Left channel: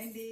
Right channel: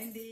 అండి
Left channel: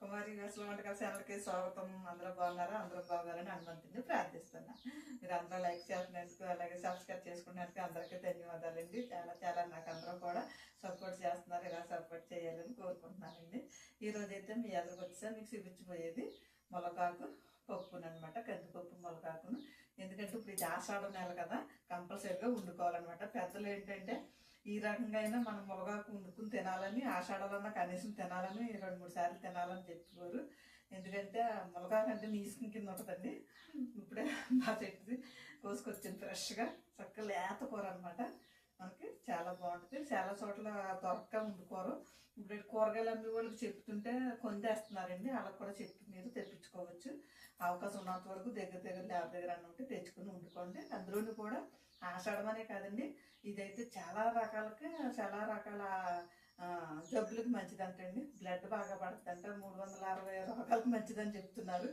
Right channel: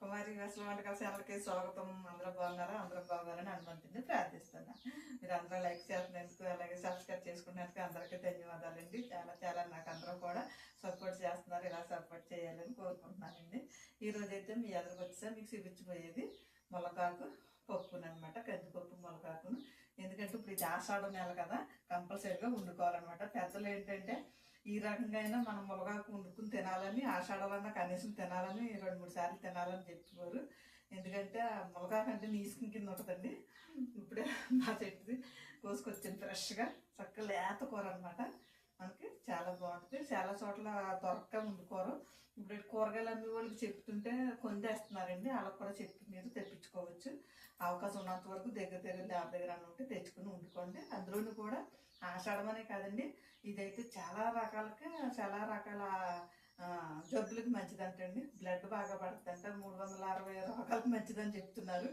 కుమారి అసలు వంటకాల ఛానల్కి స్వాగతం. అందరూ బాగున్నారని హనుమంతుడిని ప్రార్థిస్తున్నా. మీరు అందరూ లైక్ చేస్తున్నందుకు, అలాగే సబ్స్క్రైబ్ చేసుకున్నందుకు అందరికీ ధన్యవాదాలండి. చాలా నాకు అందరూ కూడా సపోర్ట్ చేస్తున్నారు. ఇలా సపోర్ట్ చేయాలని కోరుకుంటున్నానండి. ఈరోజు అయితే మీ అందరికి వచ్చేసా మీకు చూపించబోయేది ములగాకు పప్పునమాట, కందిపప్పు ములగాకును. ఎందుకంటే ఇప్పుడు ఇది ఆషాఢం నెల కదా, కంపల్సరీగా వండుకోవాలన్నమాట. పెద్దలు ఏంటంటే ఈ రకంగా అయినా మనం ములగాకు వండుకుని తినాలని, ఆషాఢాలన్నా కనీసం తినాలని 2-3 సార్లు తినాలని చెప్పేవారు. ఎందుకంటే ములగాకు అంటే నీసుకుని కింద ఉంటుందండి. ఇప్పుడే మా చెట్టుది కోసుకొచ్చింది ఫ్రెష్గా, చక్కగా లేత కూర అనమాట. మనకి చాలా బాగుంటుంది. చాలా చోట్ల దొరక్క వండుకోరు. ఇప్పుడు కూరగాయలు అమ్మే వాళ్ళకి చెప్తుంటే కొందేస్తున్నారండి. వాళ్ళకి కూడా చెప్పి మీరు తెప్పించుకోవచ్చు. అవకాశం ఉన్నంత వరకు దగ్గర ల్యాబ్ దగ్గర అన్న ఉంటే తెచ్చుకుని వండుకోండి. అందులోని కూడా ఆషాఢమనే కాదండి, ఇదైతే చాలా రకాల జబ్బులకు మంచిదంటండి. బ్లడ్ బాగా పడుతుందంట. 360 రోగాలకు మంచిదని చెప్తున్నారు.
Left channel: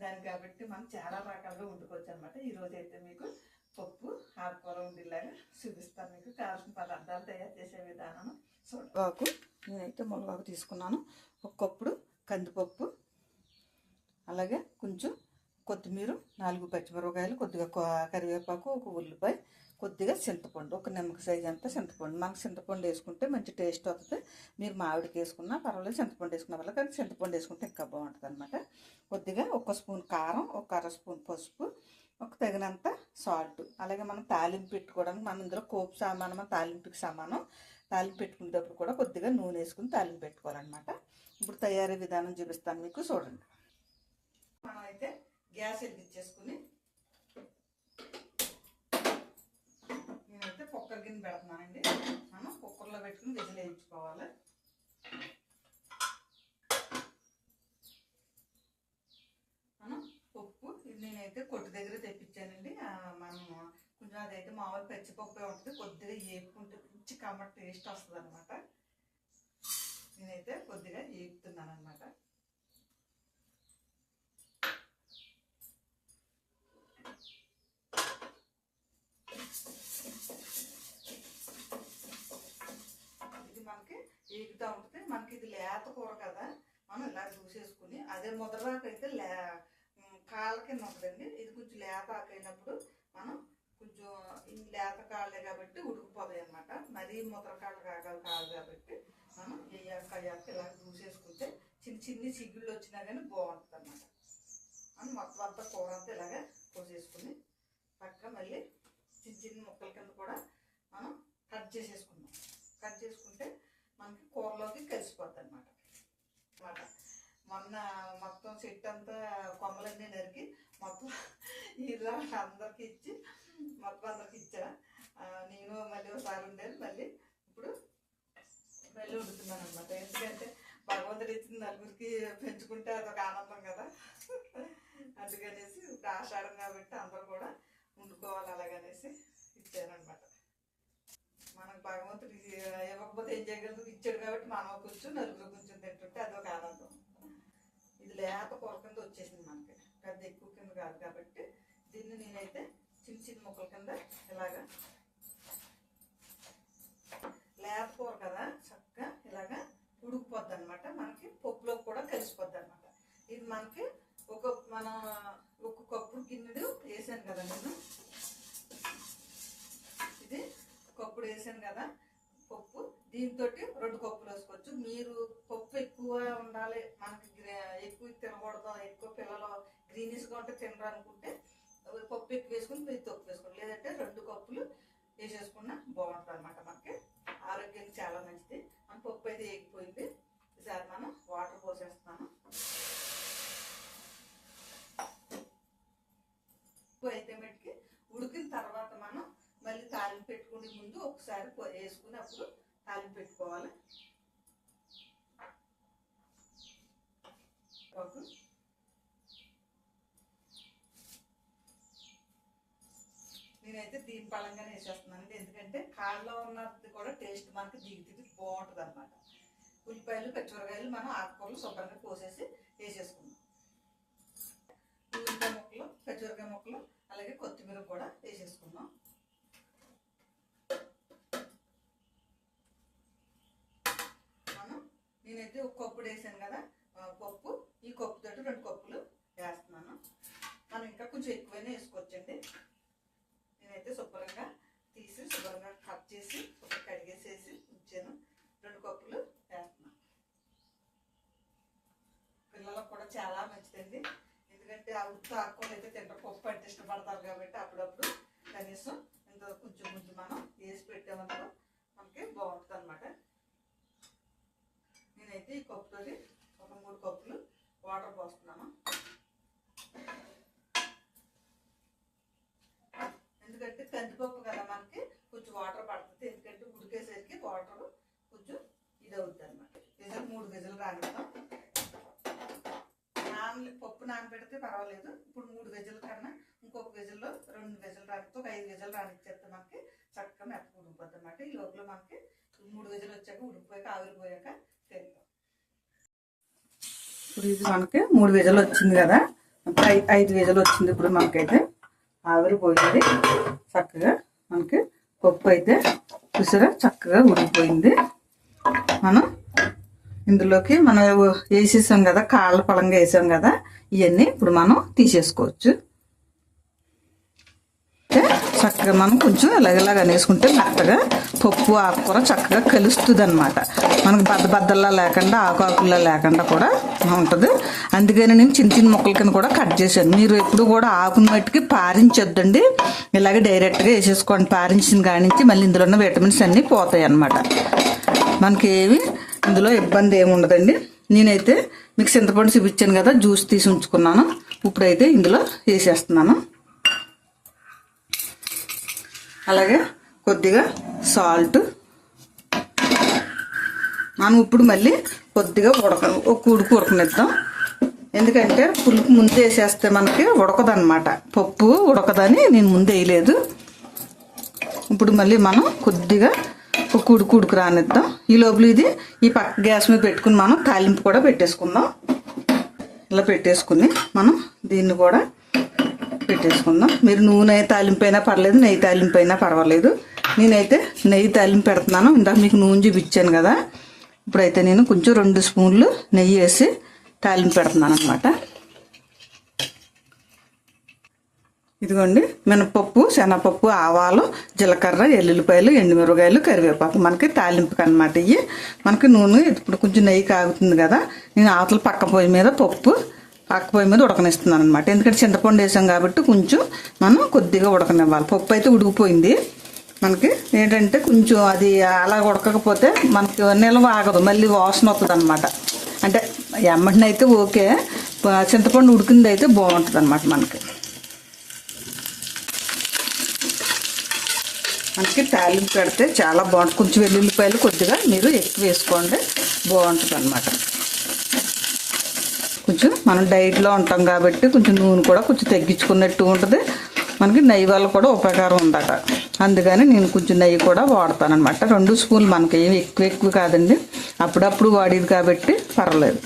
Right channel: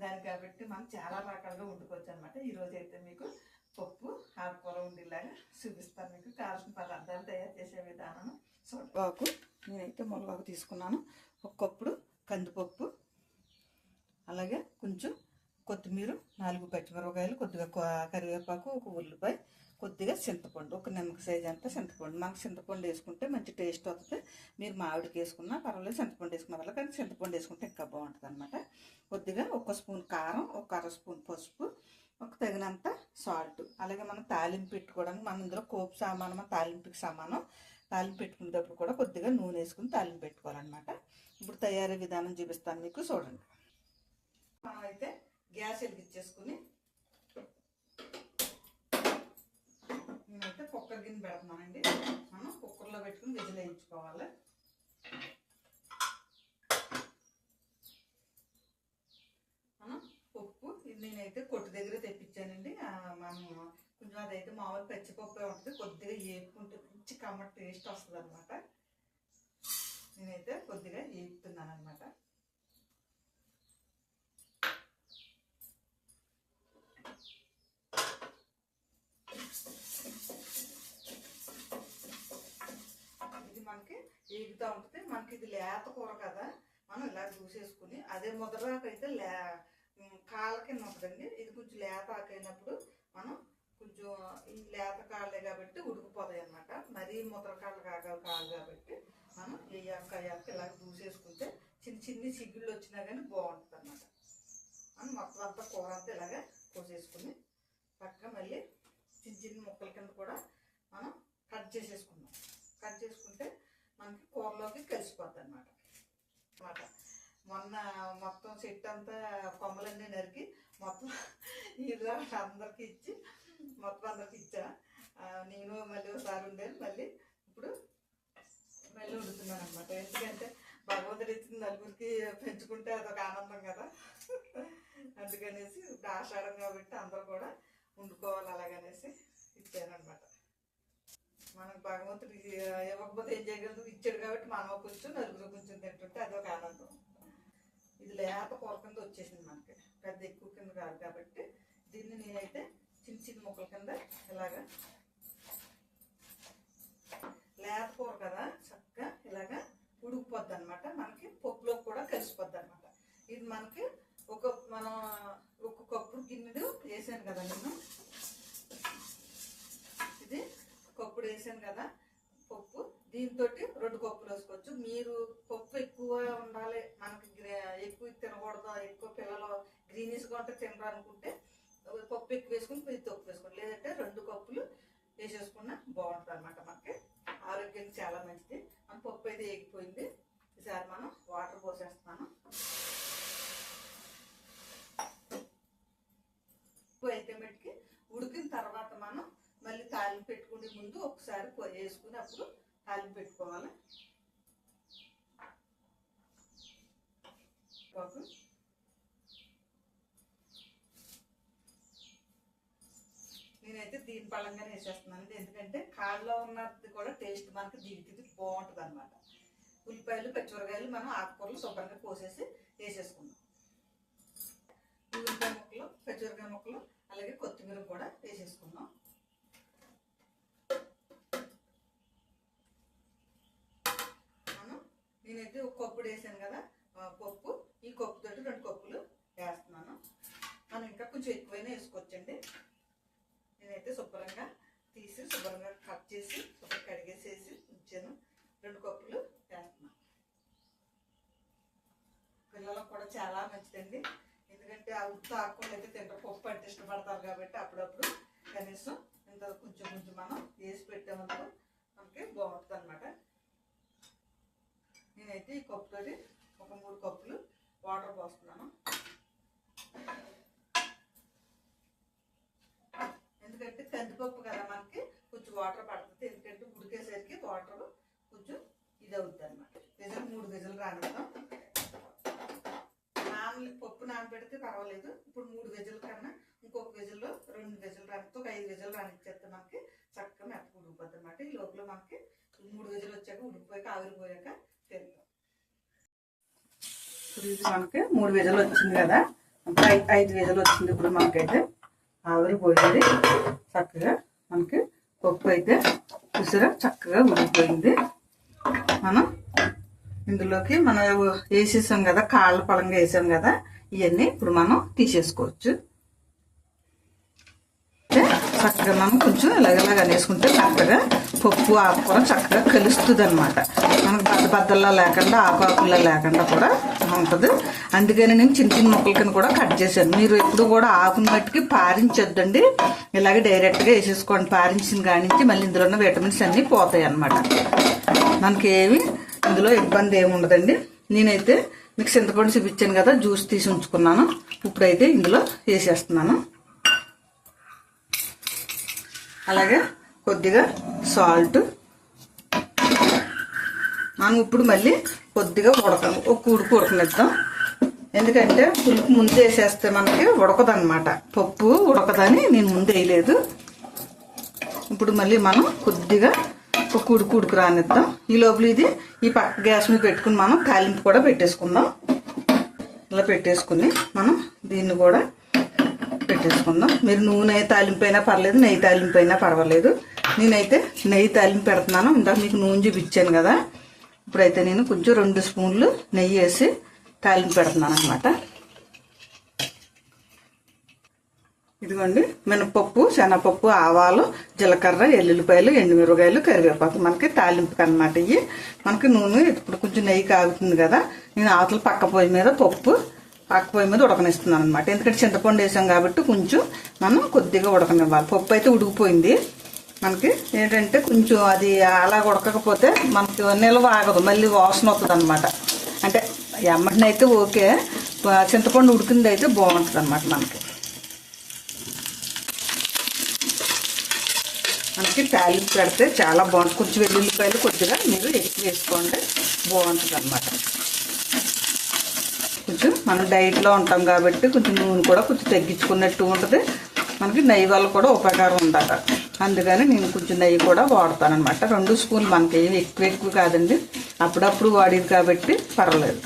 దానికి కాబట్టి మనం చాలా రకాలుగా వండుకోవచ్చు అనమాట. ఈరోజు అయితే మీకు పప్పు ఆకుకూర ఉండేలాగా చూపిస్తాను. మీకు కావాల్సిన పదార్థాలు తయారు చేసే విధానం. ములగాకు నేనైతే ములగాకు తీసుకున్నాను. ఒక కప్పుడు కందిపప్పు, అలాగే కొంచెం కొత్తిమీర, 4 పచ్చిమిరపకాయలు, కొద్దిగా కరివేపాకు, ఒక ఉల్లిపాయ, కొద్దిగా చింతపండు, ఒక నిమ్మకాయ సైజ్ అంతా చింతపండు. మనకు చింతపండు వేసుకుంటే మంచి టేస్ట్ వస్తుంది. మీరు మామిడికి వేసుకున్నా పర్వాలేదు, చింతపండు వేసుకున్న వల్ల, కానీ చింతపండు వేసుకుంటే ఇంకా బాగుంటుంది అనమాట. కొద్దిగా 1 స్పూన్ కారం, ఒక 1/2 స్పూన్ పసుపు, ఒక తగినంత సాల్ట్. అలాగే మనం తాలింపు పెట్టుకోవడానికి మనం ఇందులో కోపు సామానం, తాలింపుకి సమానం. తాలింపు పెట్టుకునేటప్పుడు కూడా కొద్దిగా నూనె వేసుకుని తాలింపు పెట్టుకోవాలన్నమాట. ఇప్పుడు తయారీ విధానం చూపిస్తాను మీకు, చూడండి. మనమైతే గ్యాస్ వెలిగించేసుకుని నేనైతే కుక్కర్ గిన్నె పెడుతున్నానండి. మనం కుక్కర్లో పెట్టుకుని విజిల్ వేయించుకోవాలి. మనం పప్పు నేనైతే కొట్టు దగ్గర తెప్పించానండి. మనం కొంచెం అదైతే మామూలు పచ్చిపప్పు ఉంటుంది, కొద్దిగా ఏపుకుంటే మంచి కమ్మటి టేస్ట్ వస్తుంది అనమాట. నేనైతే కొద్దిగా ఏపుతున్నాను అనమాట. ఇది మనకి ఏగుతూ ఉంటుంది. మనకి ఇది లేత కూర కదా, మనం ఇలా చూసేసుకుని, అదే ముద్రకైతే కాళ్ళ కింద ఉంటుందండి. ఇది కొంచెం లేత ఆకైనప్పుడు మనం కొంచెం ఈ లేత కాళ్ళే కాబట్టి ఉడికిపోతాయి అనమాట. మరీ ముద్రకాళ్ళు కాదు కాబట్టి మనం అయ్యాక ఇలా చూసేసుకుంటే చిన్ని చిగుళ్ళు వచ్చినా కానీ బాగుంటుంది అన్నమాట. మనం మొత్తం అంతా కూర అంతా ఇలాగే కోసేసుకుని పక్కన మళ్ళీ చిన్న ముక్కల కింద కూడా మనం కట్ చేసేసుకుందాం. కట్ చేసుకుంటే మనకి కూరలోకి కలిసిపోద్ది అనమాట. మొన్న మొత్తం చెట్టు అంతా కొమ్మలన్నీ నరికి మొత్తం ఇలా అందరికి ఇచ్చి ఇచ్చా. నేను మళ్ళీ ఒకసారి ఉండేది, మళ్ళీ ఇప్పుడు మళ్ళీ వండుతున్నాను అనమాట. ఎందుకంటే భగవంతుడు ఇచ్చిన నలుగురికి పెంచుకుంటే అదొక ఆనందం కదా. అందుకనేసి ఇప్పుడు ఆషాఢం కాబట్టి అందరూ కూడా వండుకోవాలి అలాగనేసి ఇచ్చానమాట. మనకు భగవంతుడు ఇవ్వకపోతే ఏం చేయగలదు, ఇచ్చాడు కాబట్టి మనం కొంచెం నలుగురు కొంచెం తింటుంటే అదొక ఆనందం. ఇది లేత కూర కింద వచ్చేసింది మనకి, పెద్ద ఎక్కువ కింద కాదు కాబట్టి దీన్ని నేనైతే చిన్న ముక్కల కింద ఇలాగా, లేత కూర కదా చక్కగా ఇలాగా ఉడికిపోద్ది అనమాట. మనకి పప్పులో కూడా కలిసిపోద్ది అనమాట. ఇది మనకి మనం ఒక కప్పు గిన్నెడు వేసాను కదా, నేను ఇది కప్పుడు వేసాను కదా పప్పు, దీంతో 2 కప్పులు వేసుకోవచ్చు. మీరు పప్పు ఎక్కువ ఉండాలి, మనకి ఎక్కువ తినకూడదు, ఎక్కువ పిల్లలు గ్రీనిష్గా ఉంటే తినరు అనుకుంటే పప్పు ఎక్కువ వేసుకుని మీరు తప్పు వేసుకోండి. లేదంటే 2 కప్పులు వేసేసుకున్నా బాగుంటుంది అనమాట. మనకి ఆరోగ్యానికి చాలా మంచిది. మన పప్పు అయితే ఏగిపోయింది. ఈసారి మనం వాటర్ పోసేస్తున్నాను. అయితే మటుకి ఉడికిన తర్వాత మనం మళ్ళీ తాలింపు పెట్టుకునే ముందు ఒకసారి వేసుకుని అప్పుడు తాలింపు పెట్టుకోవాలి. నేనైతే దీని పళ్ళంగానే వేసేస్తున్నానండి. ఎందుకంటే కాళ్ళలో ఉన్నది కూడా టేస్ట్ మనకి దిగి బాగుంటుంది అనమాట. ఉల్లిపాయలు, పచ్చిమిరకాయలు మనం ఆకుకూరలు శుభ్రంగా కోసేసి వేసేసుకుందాం. ఉల్లిపాయ ముక్కలు, పచ్చిమిరకాయ ముక్కలు, అలాగే కొత్తిమీర కూడా వేసేసుకుందాం. నేనైతే ఒక కప్పు వేసాను కదా పప్పు, ఈ కప్పుతోటి 2 కప్పులు వేస్తున్నాను. మనం ఇంకా కొంచెం ఎక్కువైనా వేసుకోవచ్చండి. నేనైతే శుభ్రంగా తీసి శుభ్రంగా కట్ చేసి శుభ్రంగా కడిగేసేసి ఉంచాను. 2 కప్పులు వేస్తున్నాను. పిల్లలకు కూడా చాలా మంచిదండి. ఎందుకంటే ఆ ఉత్త ఆకుకూరలు అయితే తింటారు, పప్పు అంటే ఇష్టపడతారు కాబట్టి అప్పుడప్పుడు కనీసం ఇంత కొంచెం కొంచెం మనం వేసి పెట్టామనుకో మనకి బాగుంటుంది అనమాట. నేనైతే ఈ కప్పుతో ఒక 3 కప్పులు వాటర్ పోస్తున్నాను. ఎందుకంటే కందిపప్పు కదా మనకి కొంచెం వాటర్ పడుతుంది. ఎందుకంటే ఉడికేసరికి వాటర్ కొంచెం ఇది అవుతుంది అనమాట. 3 విజులు రానిద్దాం. పప్పు నానబెడితే పర్వాలేదు. ఇప్పుడు 3 విజుల కన్నా ఇంకొక విజుల్లో 2 విజులు రానిస్తే ఒక 5 విజులు రానిచ్చేస్తే మనకి చక్కగా మెత్తగా ఉడికిపోతుంది అనమాట. ఈ లోపల మనకి 3 విజులు వచ్చాక ఉడికిపోయాక ఆవిరిపోయాక తెలుద్దాం. ఇప్పుడు ఇది మనకి 3 విజులు వచ్చింది కదా, 5 విజులు వచ్చింది. ఇప్పుడు మనకైతే ఆవిరిపోయింది చక్కగా. మనకి పప్పు అయితే చూసారా చక్కగా ఉడికిపోయింది. మనం ఇందులోకి మనం వేసేసాం కదా, కాళ్ళ పలంగా వేసాం కదా, ఇవన్నీ ఇప్పుడు మనం తీసేసుకోవచ్చు. చక్కగా మనం కొంచెం ఇలాగ వేసుకుంటే మెత్తగా పప్పు ఆకుకూర చక్కగా కలుస్తుంది అనమాట. మనకు బద్దల్లా లేకుండా ఆకులా లేకుండా కూడా ఉంటుంది. అందుకని నేను చిన్న చిన్న ముక్కల కింద కూడా కట్ చేశాను. మీరు ఎప్పుడు కూడా ఆకుని మట్టికి పారించొద్దండి, ఇలాగే డైరెక్ట్గా వేసేసుకోండి. పారించిన కానించి మళ్ళీ ఇందులో ఉన్న విటమిన్స్ అన్నీ పోతాయి అన్నమాట. మనకి ఏమి ఇందులో ఇబ్బంది ఏమి ఉండదండి. నేనైతే మీకు చింతపండు చూపించాను కదా, జ్యూస్ తీసి ఉంచుకున్నాను. ఇప్పుడైతే ఇందులో వేసేస్తున్నాను. అలాగే కొద్దిగా సాల్ట్. మనం ఇప్పుడు మళ్ళీ కొద్దిగా ఒక ఉడుకు ఉడకనిద్దాం. ఎందుకంటే పులుపు ముందు వేసేస్తే మనకి ఉడకదన్నమాట, పప్పు ఉడకదని నేను ముందు వేయలేదు. ఇప్పుడు మళ్ళీ మనం కొద్దిగా ఒక ఉడుకు రానిద్దాం. ఈ లోపల ఇది ఈ పక్క గ్యాస్ మీద పెట్టుకుని మనం తాలింపు కూడా పెట్టేసుకుందాం. ఇలా పెట్టేసుకుని మనం దీన్ని కూడా పెట్టేసుకుందాం. మీరు నూనె తాలింపు అయినా పర్లేదు, నెయ్యి తాలింపు అయినా పర్వాలేదు. నేనైతే నెయ్యి తాలింపు పెడుతున్నాను. ఇందాక మీకు నూనె చూపించాను కదా, ఇప్పుడైతే నేను కొంచెం 2 స్పూన్లు నెయ్యి వేసి తాలింపు పెడుతున్నాను అనమాట. ఇదిగోండి మినపప్పు, శనగపప్పు, ఆవాలు, జీలకర్ర, ఎల్లుల్లిపాయలు, ఎండుమిరపకాయలు, కరివేపాకు మనకి తాలింపుకి అనమాట. ఇవి మనకి నూనె ఇప్పుడు కొంచెం నెయ్యి కాగుతుంది కదా, నేను ఆవతల పక్క పొయ్యి మీద ఉడకనిస్తున్నాను అనమాట. ఎందుకంటే చింతపండు వేసాం కాబట్టి కొంచెం మనం కొద్దిగా ఉడకనివ్వాలి. పప్పు అయితే ఉడికిపోయింది. మనకి ఏంటంటే కొంచెం అది అలా ఉడకకపోతే మనకి నిల్వ ఆగదు, మళ్ళీ వాసన వస్తుంది అనమాట. అంటే ఎమ్మటినైతే ఓకే, చింతపండు ఉడికింది అయితే బాగుంటుంది అనమాట. మనకి తాలింపు పెడితే చాలా బాగుంటుంది. కొంచెం వెల్లుల్లిపాయలు కొద్దిగా మీరు ఎక్కువ వేసుకోండి, బాగుంటుంది అనమాట. కొంచెం మనం డైట్లో ఉంటాం కాబట్టి కొంచెం నూనె కూడా కొంచెం తగ్గించుకున్నట్టు ఉంటుంది. మనకి నెయ్యి వల్ల కూడా ఉపకారం ఉండాలి. అందుకని నేను కొంచెం నెయ్యి కూడా వాడతాను అనమాట. 2 స్పూన్లు మనకి ఏమి ఎక్కువ కాదండి, అప్పుడప్పుడు వాడేది కాబట్టి పర్వాలేదు.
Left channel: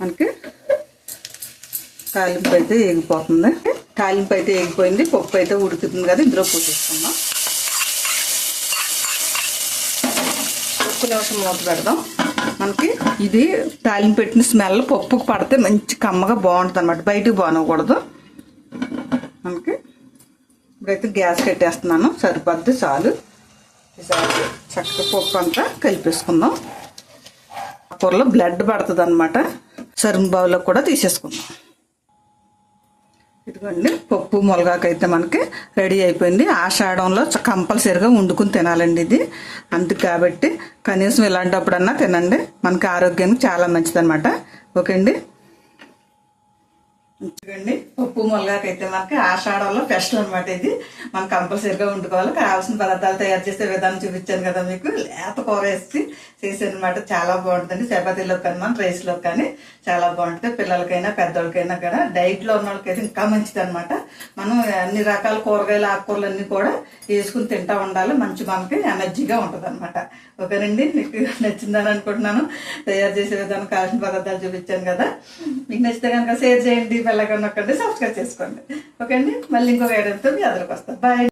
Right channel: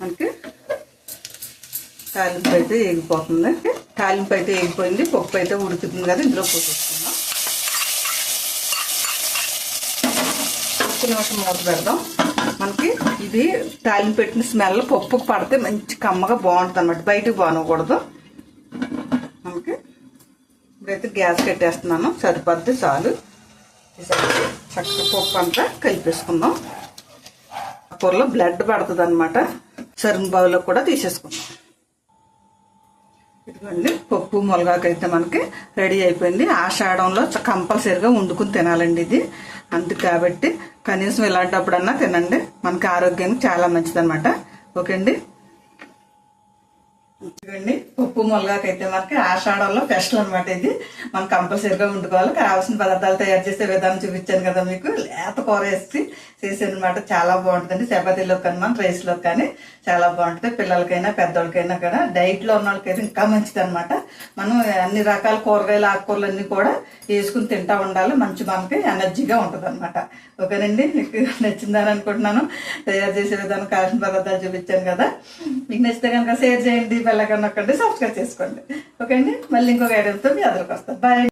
మనకి తాలింపు అయితే ఎగిపోతుంది. తాలింపు అయితే ఎగిపోయింది, పప్పు అయితే ఉడుకుతుంది కదా, ఇందులో పోసేసుకుందాం. ఒక్క నిమిషం మూత పెడదాం. మనకి ఇది తాలింపు పెట్టిన స్మెల్ పప్పు పడితే మంచి కమ్మగా బాగుంటుంది అనమాట, బయటకు బాగనకూడదు. మనకి ఇప్పుడైతే గ్యాస్ కట్టేస్తున్నాను, సరిపోద్ది చాలు. ఈసారి చక్కగా పప్పు అంతా కలిపేసుకుందాం. కూరలో బ్లడ్ పడుతుంది అనమాట. సర్వింగ్ బౌల్లో కూడా తీసేసుకుందాం. ఇదిగోండి పప్పు ములగాకైతే మనకి రెడీ అయిపోయింది. ఆషాఢంలో కంపల్సరిగా వండుకుని తినాలండి ఇది. అందుకు కాబట్టి కనీసం ఇలాంటప్పుడన్నా తినండి, మనకి ఆరోగ్యానికి చాలా మంచిది అనమాట. ఓకే అండి. చూడండి పప్పు ములగాకైతే మనకి ఆషాఢంలో స్పెషల్ అనమాట. ఇది మనం కంపల్సరిగా వండుకోవాలి. కావాల్సిన పదార్థాలు తయారు చేసే విధానం చూపించాను కదా మీకు. లేత కూర వేసి చేసాను అనమాట, చాలా బాగుంటుందండి. చపాతీలో కానీ మన రైస్లో కానీ చాలా బాగుంటుంది. పిల్లలకైనా పెద్దోళ్ళకైనా కూడా, డైట్లో ఉన్న వాళ్ళకైతే ఇంకా మంచిది అనమాట. మనం అన్ని రకాల కూరగాయలు ఆకుకూరలు అన్ని కూడా వేసుకుని తింటా ఉండాలి, మంచి మనకి ఎనర్జీగా ఉంటుంది అనమాట. ఓకేనండి, మీకు నచ్చిందని అనుకుంటున్నాను. తయారు చేసే విధానం కావాల్సిన పదార్థాలు చూపించాను కదా. మీకు నచ్చితే కనుక షేర్ చేయండి, బెల్ ఐకాన్ నొక్కండి, సబ్స్క్రైబ్ చేసుకోండి. ఓకే అండి, మళ్ళీ ఇంకొక ఐడియాతో మీ ఎదురుకు వస్తాం. బాయ్.